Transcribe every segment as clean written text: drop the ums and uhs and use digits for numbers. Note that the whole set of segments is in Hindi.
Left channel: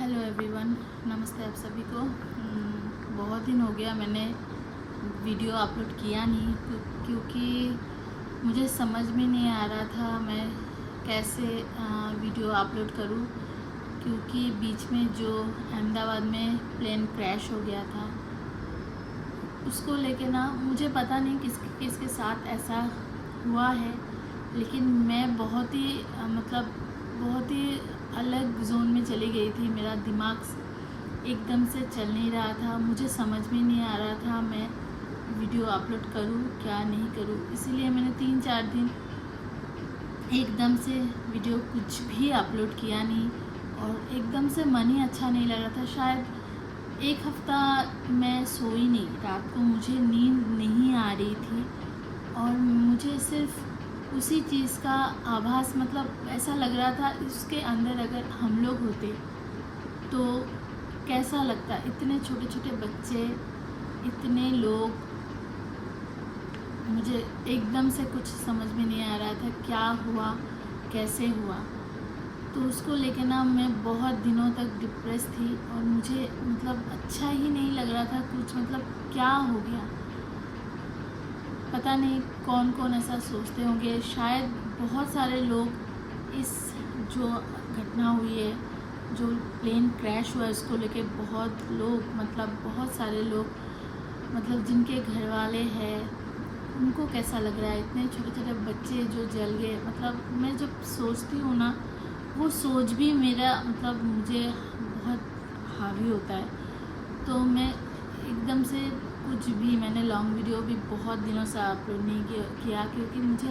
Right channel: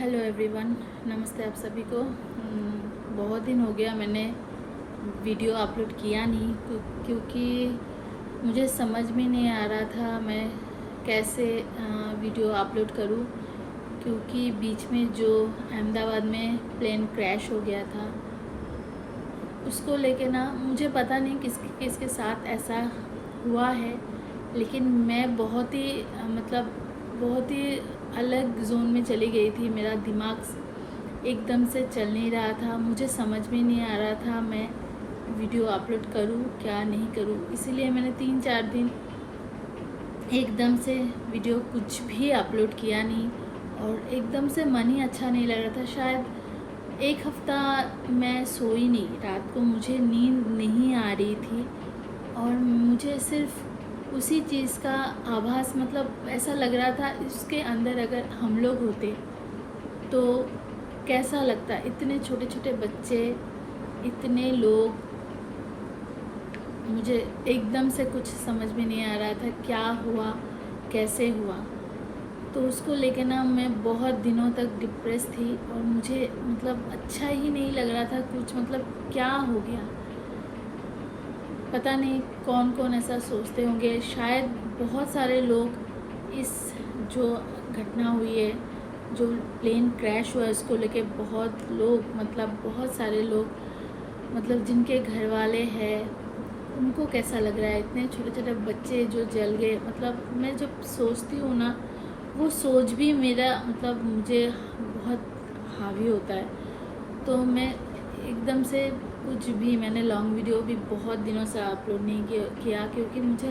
हेलो एवरीवन, नमस्ते आप सभी को। बहुत दिन हो गया मैंने वीडियो अपलोड किया नहीं क्योंकि मुझे समझ में नहीं आ रहा था मैं कैसे वीडियो अपलोड करूं, क्योंकि बीच में जो अहमदाबाद में प्लेन क्रैश हो गया था उसको लेके ना मुझे पता नहीं किसके साथ ऐसा हुआ है, लेकिन मैं बहुत ही बहुत ही अलग जोन में चली गई थी। मेरा दिमाग एकदम से चल नहीं रहा था, मुझे समझ में नहीं आ रहा था मैं वीडियो अपलोड करूं क्या नहीं करूं। इसीलिए मैंने 3-4 दिन एकदम से वीडियो कुछ भी अपलोड किया नहीं, और एकदम से मन ही अच्छा नहीं लग रहा था। शायद एक हफ्ता मैं सोई नहीं, रात को मुझे नींद नहीं आ रही थी, और मुझे सिर्फ उसी चीज़ का आभास ऐसा लग रहा था इसके अंदर अगर हम लोग होते तो कैसा लगता। इतने छोटे छोटे बच्चे, इतने लोग, मुझे एकदम से कुछ समझ में नहीं आ रहा था क्या हुआ कैसे हुआ। तो उसको लेके ना मैं बहुत दिनों तक डिप्रेस थी, और मुझे अच्छा ही नहीं लग रहा था कुछ, क्या हो गया पता नहीं। कौन कौन ऐसा सोचते होंगे, शायद बहुत सारे लोग इस जो घटना हुई है, जो प्लेन क्रैश हुआ है, इसको लेके बहुत लोग बहुत सारे लोग जिनके घर वाले हैं उनको कैसा लग रहा है। इतने छोटे छोटे बच्चे जो जल गए, मैं जब सोचती हूँ ना वो सोच भी मेरा मुझे बहुत हावी होता है। तो मैं एकदम से कुछ भी, मैंने लॉन्ग वीडियो भी बहुत दिनों से अपलोड नहीं किया क्योंकि मुझे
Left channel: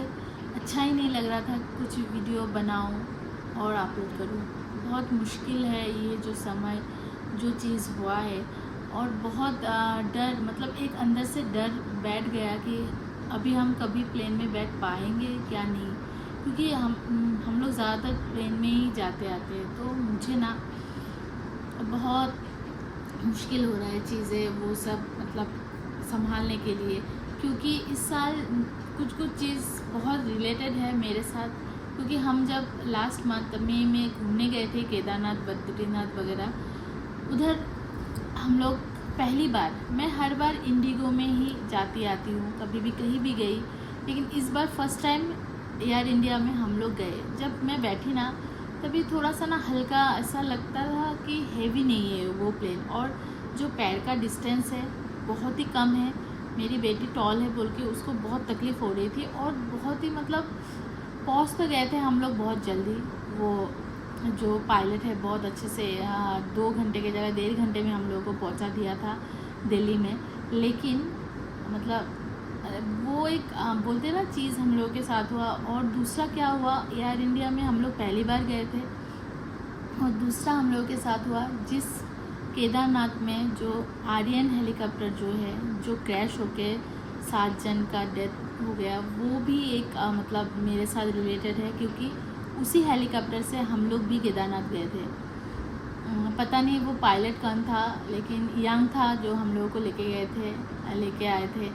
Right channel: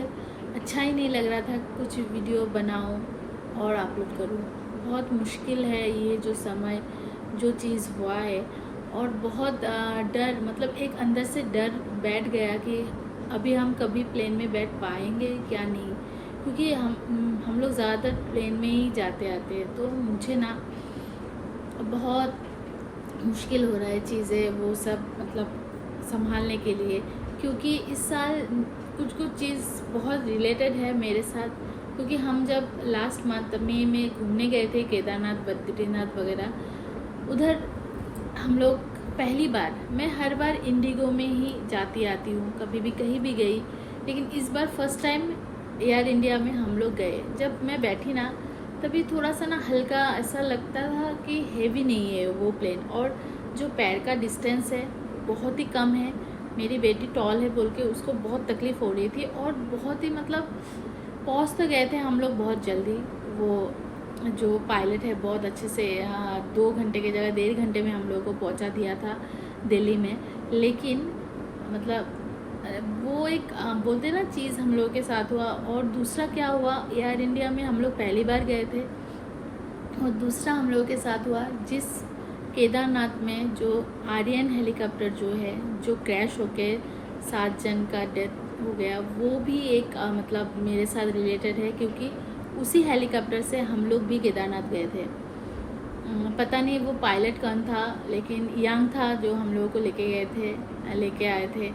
अच्छा ही नहीं लग रहा था कुछ वीडियो बनाऊं और अपलोड करूं। बहुत मुश्किल है ये जो समय, जो चीज़ हुआ है, और बहुत डर, एक अंदर से डर बैठ गया कि अभी हम कभी प्लेन में बैठ पाएंगे क्या नहीं, क्योंकि हम लोग ज़्यादातर प्लेन में ही जाते आते हैं। तो मुझे ना बहुत मुश्किल हो रहा है चीज़ें वो सब संभालने के लिए, क्योंकि इस साल कुछ कुछ चीज़ बहुत रिलेटेड है मेरे साथ। क्योंकि हम जब लास्ट मंथ मई में घूमने गए थे केदारनाथ बद्रीनाथ वगैरह, उधर हम लोग पहली बार, मैं हर बार इंडिगो में ही जाती आती हूँ कभी भी कहीं भी गई, लेकिन इस बार फर्स्ट टाइम एयर इंडिया में हम लोग गए। जब मैं बैठी ना तभी थोड़ा सा ना हल्का ऐसा लगता था कि हेवी नहीं है वो प्लेन, और जो पैर का डिस्टेंस है बहुत ही कम है। मेरी बेटी टॉल है बोल के उसको बहुत तकलीफ़ हो रही थी, और बहुत ही पहुँच तो गए थे हम लोग बहुत जल्दी। वो जो पायलट है बहुत अच्छे से 2 घंटे की जगह 1.5 घंटे में हम लोगों को पहुंचा दिया था दिल्ली में। लेकिन वो एक बोलते ना चीज़ हम लोगों के साथ हुआ। और दूसरा क्या हुआ, एयर इंडिया में हम लोग पहली बार गए थे, और दूसरा हम लोगों के साथ हुआ जिस केदारनाथ में जो आर्यन हेलीकॉप्टर जो है जो क्रैश होके 7 जन का डेथ हो गया, वो भी एक मेरे साथ रिलेटेड है, क्योंकि उसी हेलीकॉप्टर से हम लोग भी केदारनाथ गए थे। पता नहीं वो पायलट कौन था, लेकिन यंग था जो हम लोगों को लेके आए थे।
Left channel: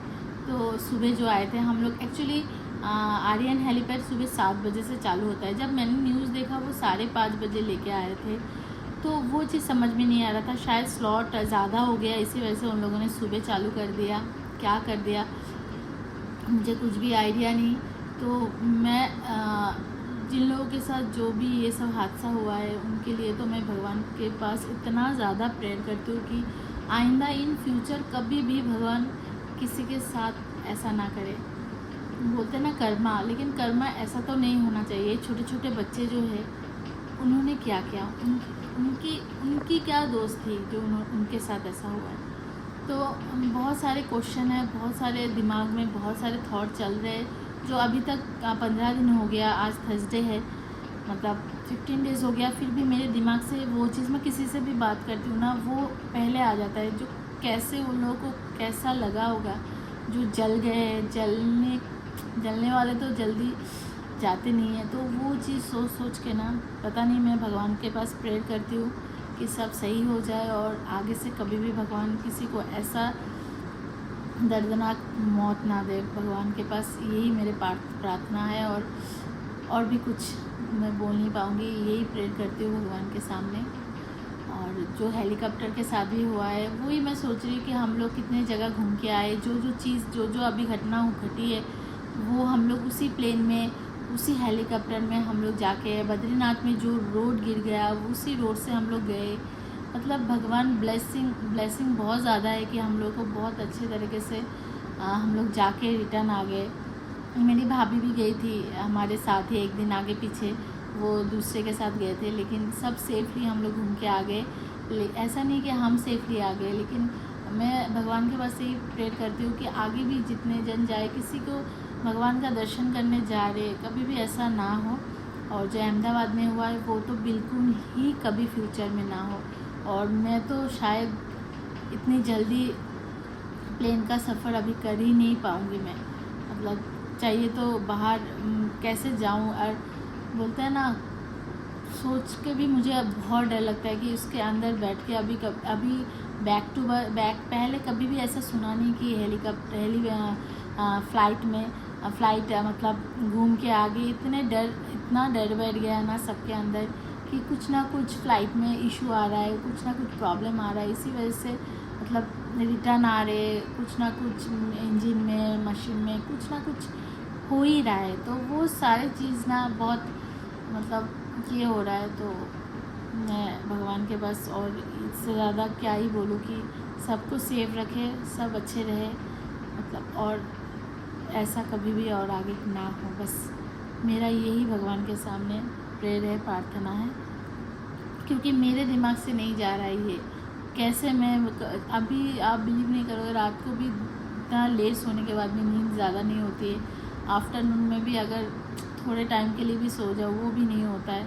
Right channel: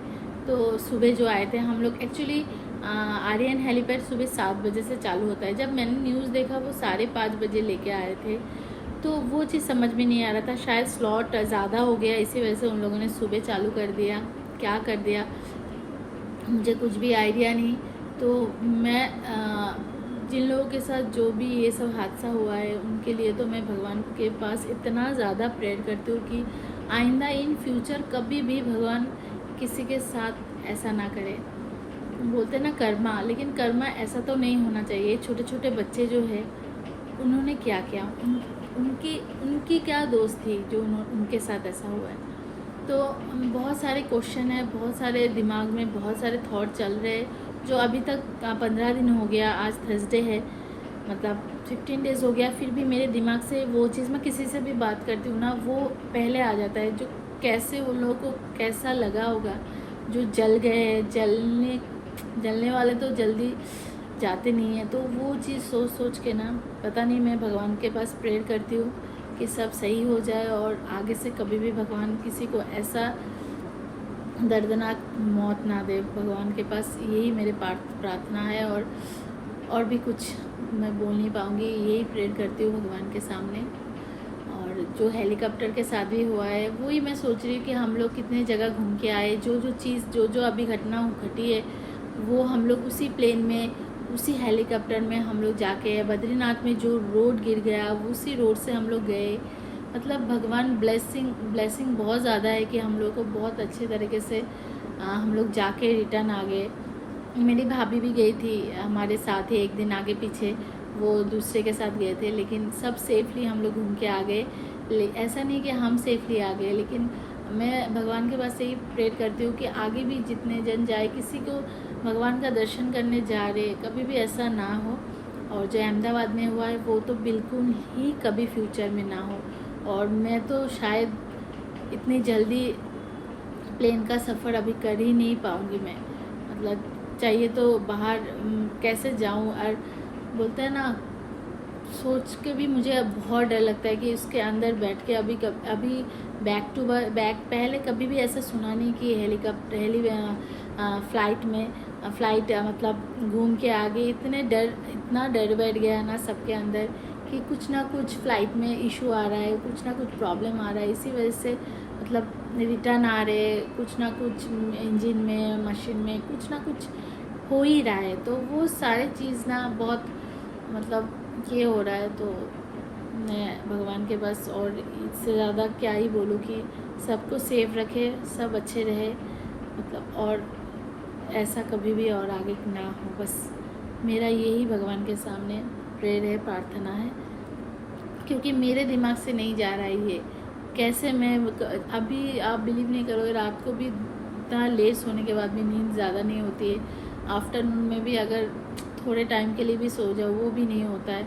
तो सुबह जो आए थे हम लोग, एक्चुअली आर्यन हेलीपैड सुबह 7 बजे से चालू होता है। जब मैंने न्यूज़ देखा वो 5:30 बजे लेके आए थे, तो वो चीज़ समझ में नहीं आ रहा था। शायद स्लॉट ज़्यादा हो गया, इसी वजह से उन लोगों ने सुबह चालू कर दिया, क्या कर दिया मुझे कुछ भी आइडिया नहीं। तो मैं जिन लोगों के साथ जो भी ये सब हादसा हुआ है उनके लिए तो मैं भगवान के पास इतना ज़्यादा प्रेयर करती हूँ कि आइंदा इन फ्यूचर कभी भी भगवान किसी के साथ ऐसा ना करे। बोलते ना कर्मा, लेकिन कर्मा ऐसा तो नहीं होना चाहिए। छोटे छोटे बच्चे जो है उन्होंने क्या किया, उनकी क्या दोस्त थी जो उनके साथ ऐसा हुआ है। तो बहुत सारे क्वेश्चन है, बहुत सारे दिमाग में बहुत सारे थॉट चल रहे हैं, जो अभी तक 15 दिन हो गया, आज थर्सडे है, 15 डेज हो गया, फिर भी मेरे दिमाग से वो चीज़, मैं किसी से भी बात करती हूँ ना वो पहले आ जाता है। जो कैसे उन लोगों को कैसा लगा होगा जो जल गए, जलने वाले तो जल्दी जाते नहीं हैं। तो वो चीज़ सोच सोच के ना पता नहीं, मैं भगवान के पास प्रेयर करती हूँ कि सब सही हो जाए, और आगे से कभी भी भगवान किसी को ऐसा दर्दनाक मौत ना दे। भगवान के पास यही मेरे प्रार्थना है, और भी कुछ मैं बोल नहीं पाऊँगी, यही प्रेयर करती हूँ भगवान के सामने। और और जो हेलीकॉप्टर के साथ भी हुआ है वही मैं सोच रही कि हम लोग कितने जगह घूम के आए, जो जो चीज़ जो अभी घटना घटी है वो हम लोग उसी प्लेन में, उसी हेलीकॉप्टर में हम लोग जाके, बद्रीनाथ में जो रोड गिर गया उसी रोड से हम लोग गए। मतलब भगवान ब्लेसिंग बहुत ज़्यादा है कि हम लोग को बहुत अच्छे तरीके से हम लोग जाके रिटर्न आ गए। मेरी भाभी भी गई थी हमारे साथ ही, एक दिन आगे पीछे, वो दूसरे के साथ गए थे, लेकिन सब सेफली हम लोग घूम के आ गए। ऐसा नहीं कि हम सेफली आ गए, लेकिन मैं भगवान के पास से ही प्रेयर करती हूँ कि आगे भी जितने जन जाए, किसी को भगवान का दर्शन करने जा रहे कभी भी ऐसा ना हो। और जो अहमदाबाद में हुआ है वो तो बिल्कुल ही कभी फ्यूचर में ना हो। और मैं तो शायद इतनी जल्दी प्लेन का सफ़र अभी कर ही नहीं पाऊँगी। मैं मतलब चाहिए तो बाहर कैसे जाऊँ, और बोलते हैं ना, सोच के भी मुझे अब बहुत डर लगता है कि उसके अंदर बैठ के अभी बैक टू बैक, पहले कभी भी ऐसा सुना नहीं कि फ्लाइट मतलब घूम के आ गई। इतना डर बैठ गया ना सबके अंदर कि कुछ ना कुछ फ्लाइट में इशू आ रहा है, कुछ ना कुछ प्रॉब्लम आ रहा है, इसी वजह से मतलब रिटर्न आ रहे, कुछ ना कुछ इंजन में, मशीन में कुछ ना कुछ हो ही रहा है। तो वो सारी चीज़ ना बहुत मतलब ये हो रहा है। तो मैं भगवान के बस, और इससे ज़्यादा क्या ही बोलूँ कि सबको सेफ रखे, सब अच्छे रहे मतलब, और ऐसा कभी भी और आगे ना हो। बस मेरा यही भगवान के सामने प्रेयर है, प्रार्थना है, क्योंकि मेरे दिमाग से नहीं जा रहा है ये कैसे। मैं अभी आप बिलीव नहीं करोगे, रात को भी इतना लेट सोने के बाद भी नींद ज़्यादा नहीं होती है। आफ्टरनून में भी अगर थोड़े टाइम के लिए भी सो जाओ वो भी नहीं होता है।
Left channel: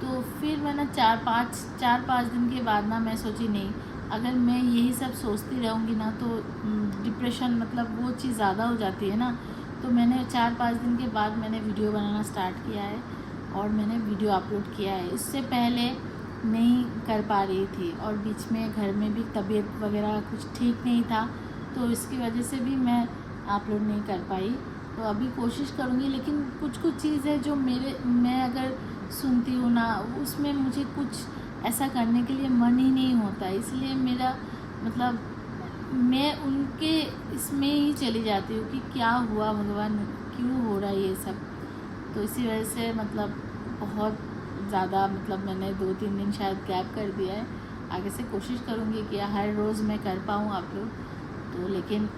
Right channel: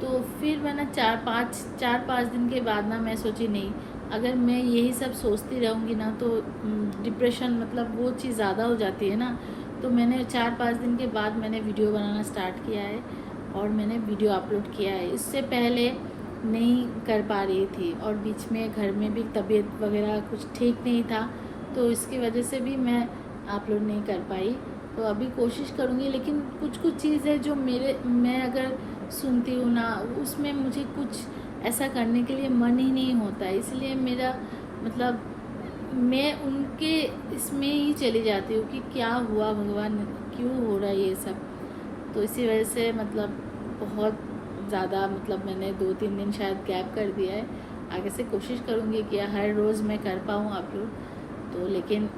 तो फिर मैंने 4-5 दिन के बाद ना मैं सोची नहीं, अगर मैं यही सब सोचती रहूँगी ना तो डिप्रेशन मतलब वो चीज़ ज़्यादा हो जाती है ना। तो मैंने 4-5 दिन के बाद मैंने वीडियो बनाना स्टार्ट किया है और मैंने वीडियो अपलोड किया है। इससे पहले नहीं कर पा रही थी, और बीच में घर में भी तबीयत वगैरह कुछ ठीक नहीं था, तो इसकी वजह से भी मैं अपलोड नहीं कर पाई। तो अभी कोशिश करूँगी, लेकिन कुछ चीज़ है जो मैं अगर सुनती हूँ ना, उसमें मुझे कुछ ऐसा करने के लिए मन ही नहीं होता है। इसलिए मेरा मतलब मैं उनके इसमें ही चली जाती हूँ कि क्या हुआ, भगवान क्यों हो रहा है ये सब। तो इसी वजह से मतलब बहुत ज़्यादा मतलब मैंने 2-3 दिन शायद गैप कर दिया है। आगे से कोशिश करूँगी कि हर रोज़ मैं कर पाऊँ अपलोड। तो लेकिन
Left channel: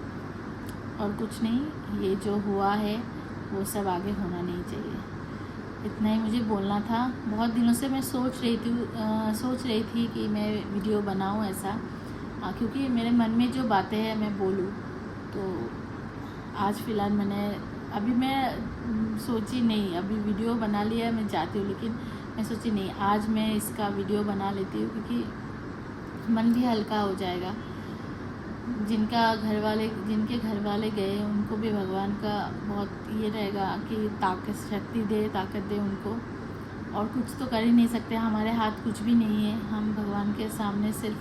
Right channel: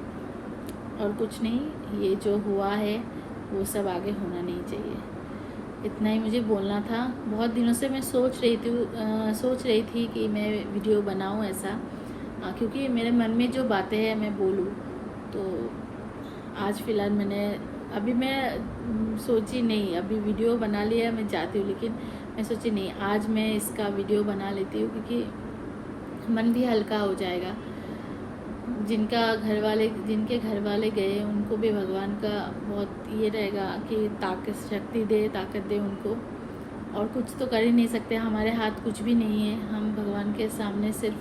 और कुछ नहीं, ये जो हुआ है वो सब आगे होना नहीं चाहिए। इतना ही मुझे बोलना था। बहुत दिनों से मैं सोच रही थी कि मैं वीडियो बनाऊं ऐसा, क्योंकि मेरे मन में जो बातें हैं मैं बोलूं। तो आज फ़िलहाल मैं सोची नहीं, अभी वीडियो बना लिया, मैं चाहती हूँ, लेकिन मैं सोची नहीं, आज मैं इसका वीडियो बना लेती हूँ, क्योंकि मन भी हल्का हो जाएगा। जिनके घर वाले गए उनको भी भगवान का बहुत ये रहेगा कि ताकत दे उनको। और कुछ तो कर ही नहीं सकते, हमारे हाथ कुछ भी नहीं है। हम भगवान के सामने सिर्फ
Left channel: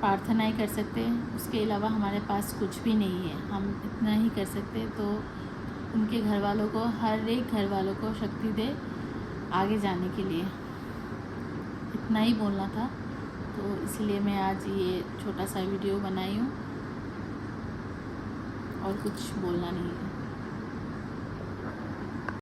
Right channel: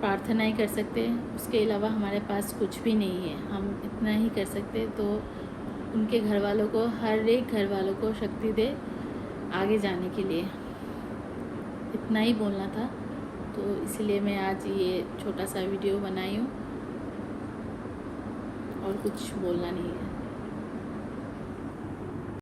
प्रार्थना ही कर सकते हैं, उसके अलावा हमारे पास कुछ भी नहीं है। हम इतना ही कर सकते। तो उनके घर वालों को, हर एक घर वालों को शक्ति दे आगे जाने के लिए। इतना ही बोलना था। तो इसलिए मैं आज ये छोटा सा वीडियो बनाई हूँ, और कुछ बोलना नहीं है।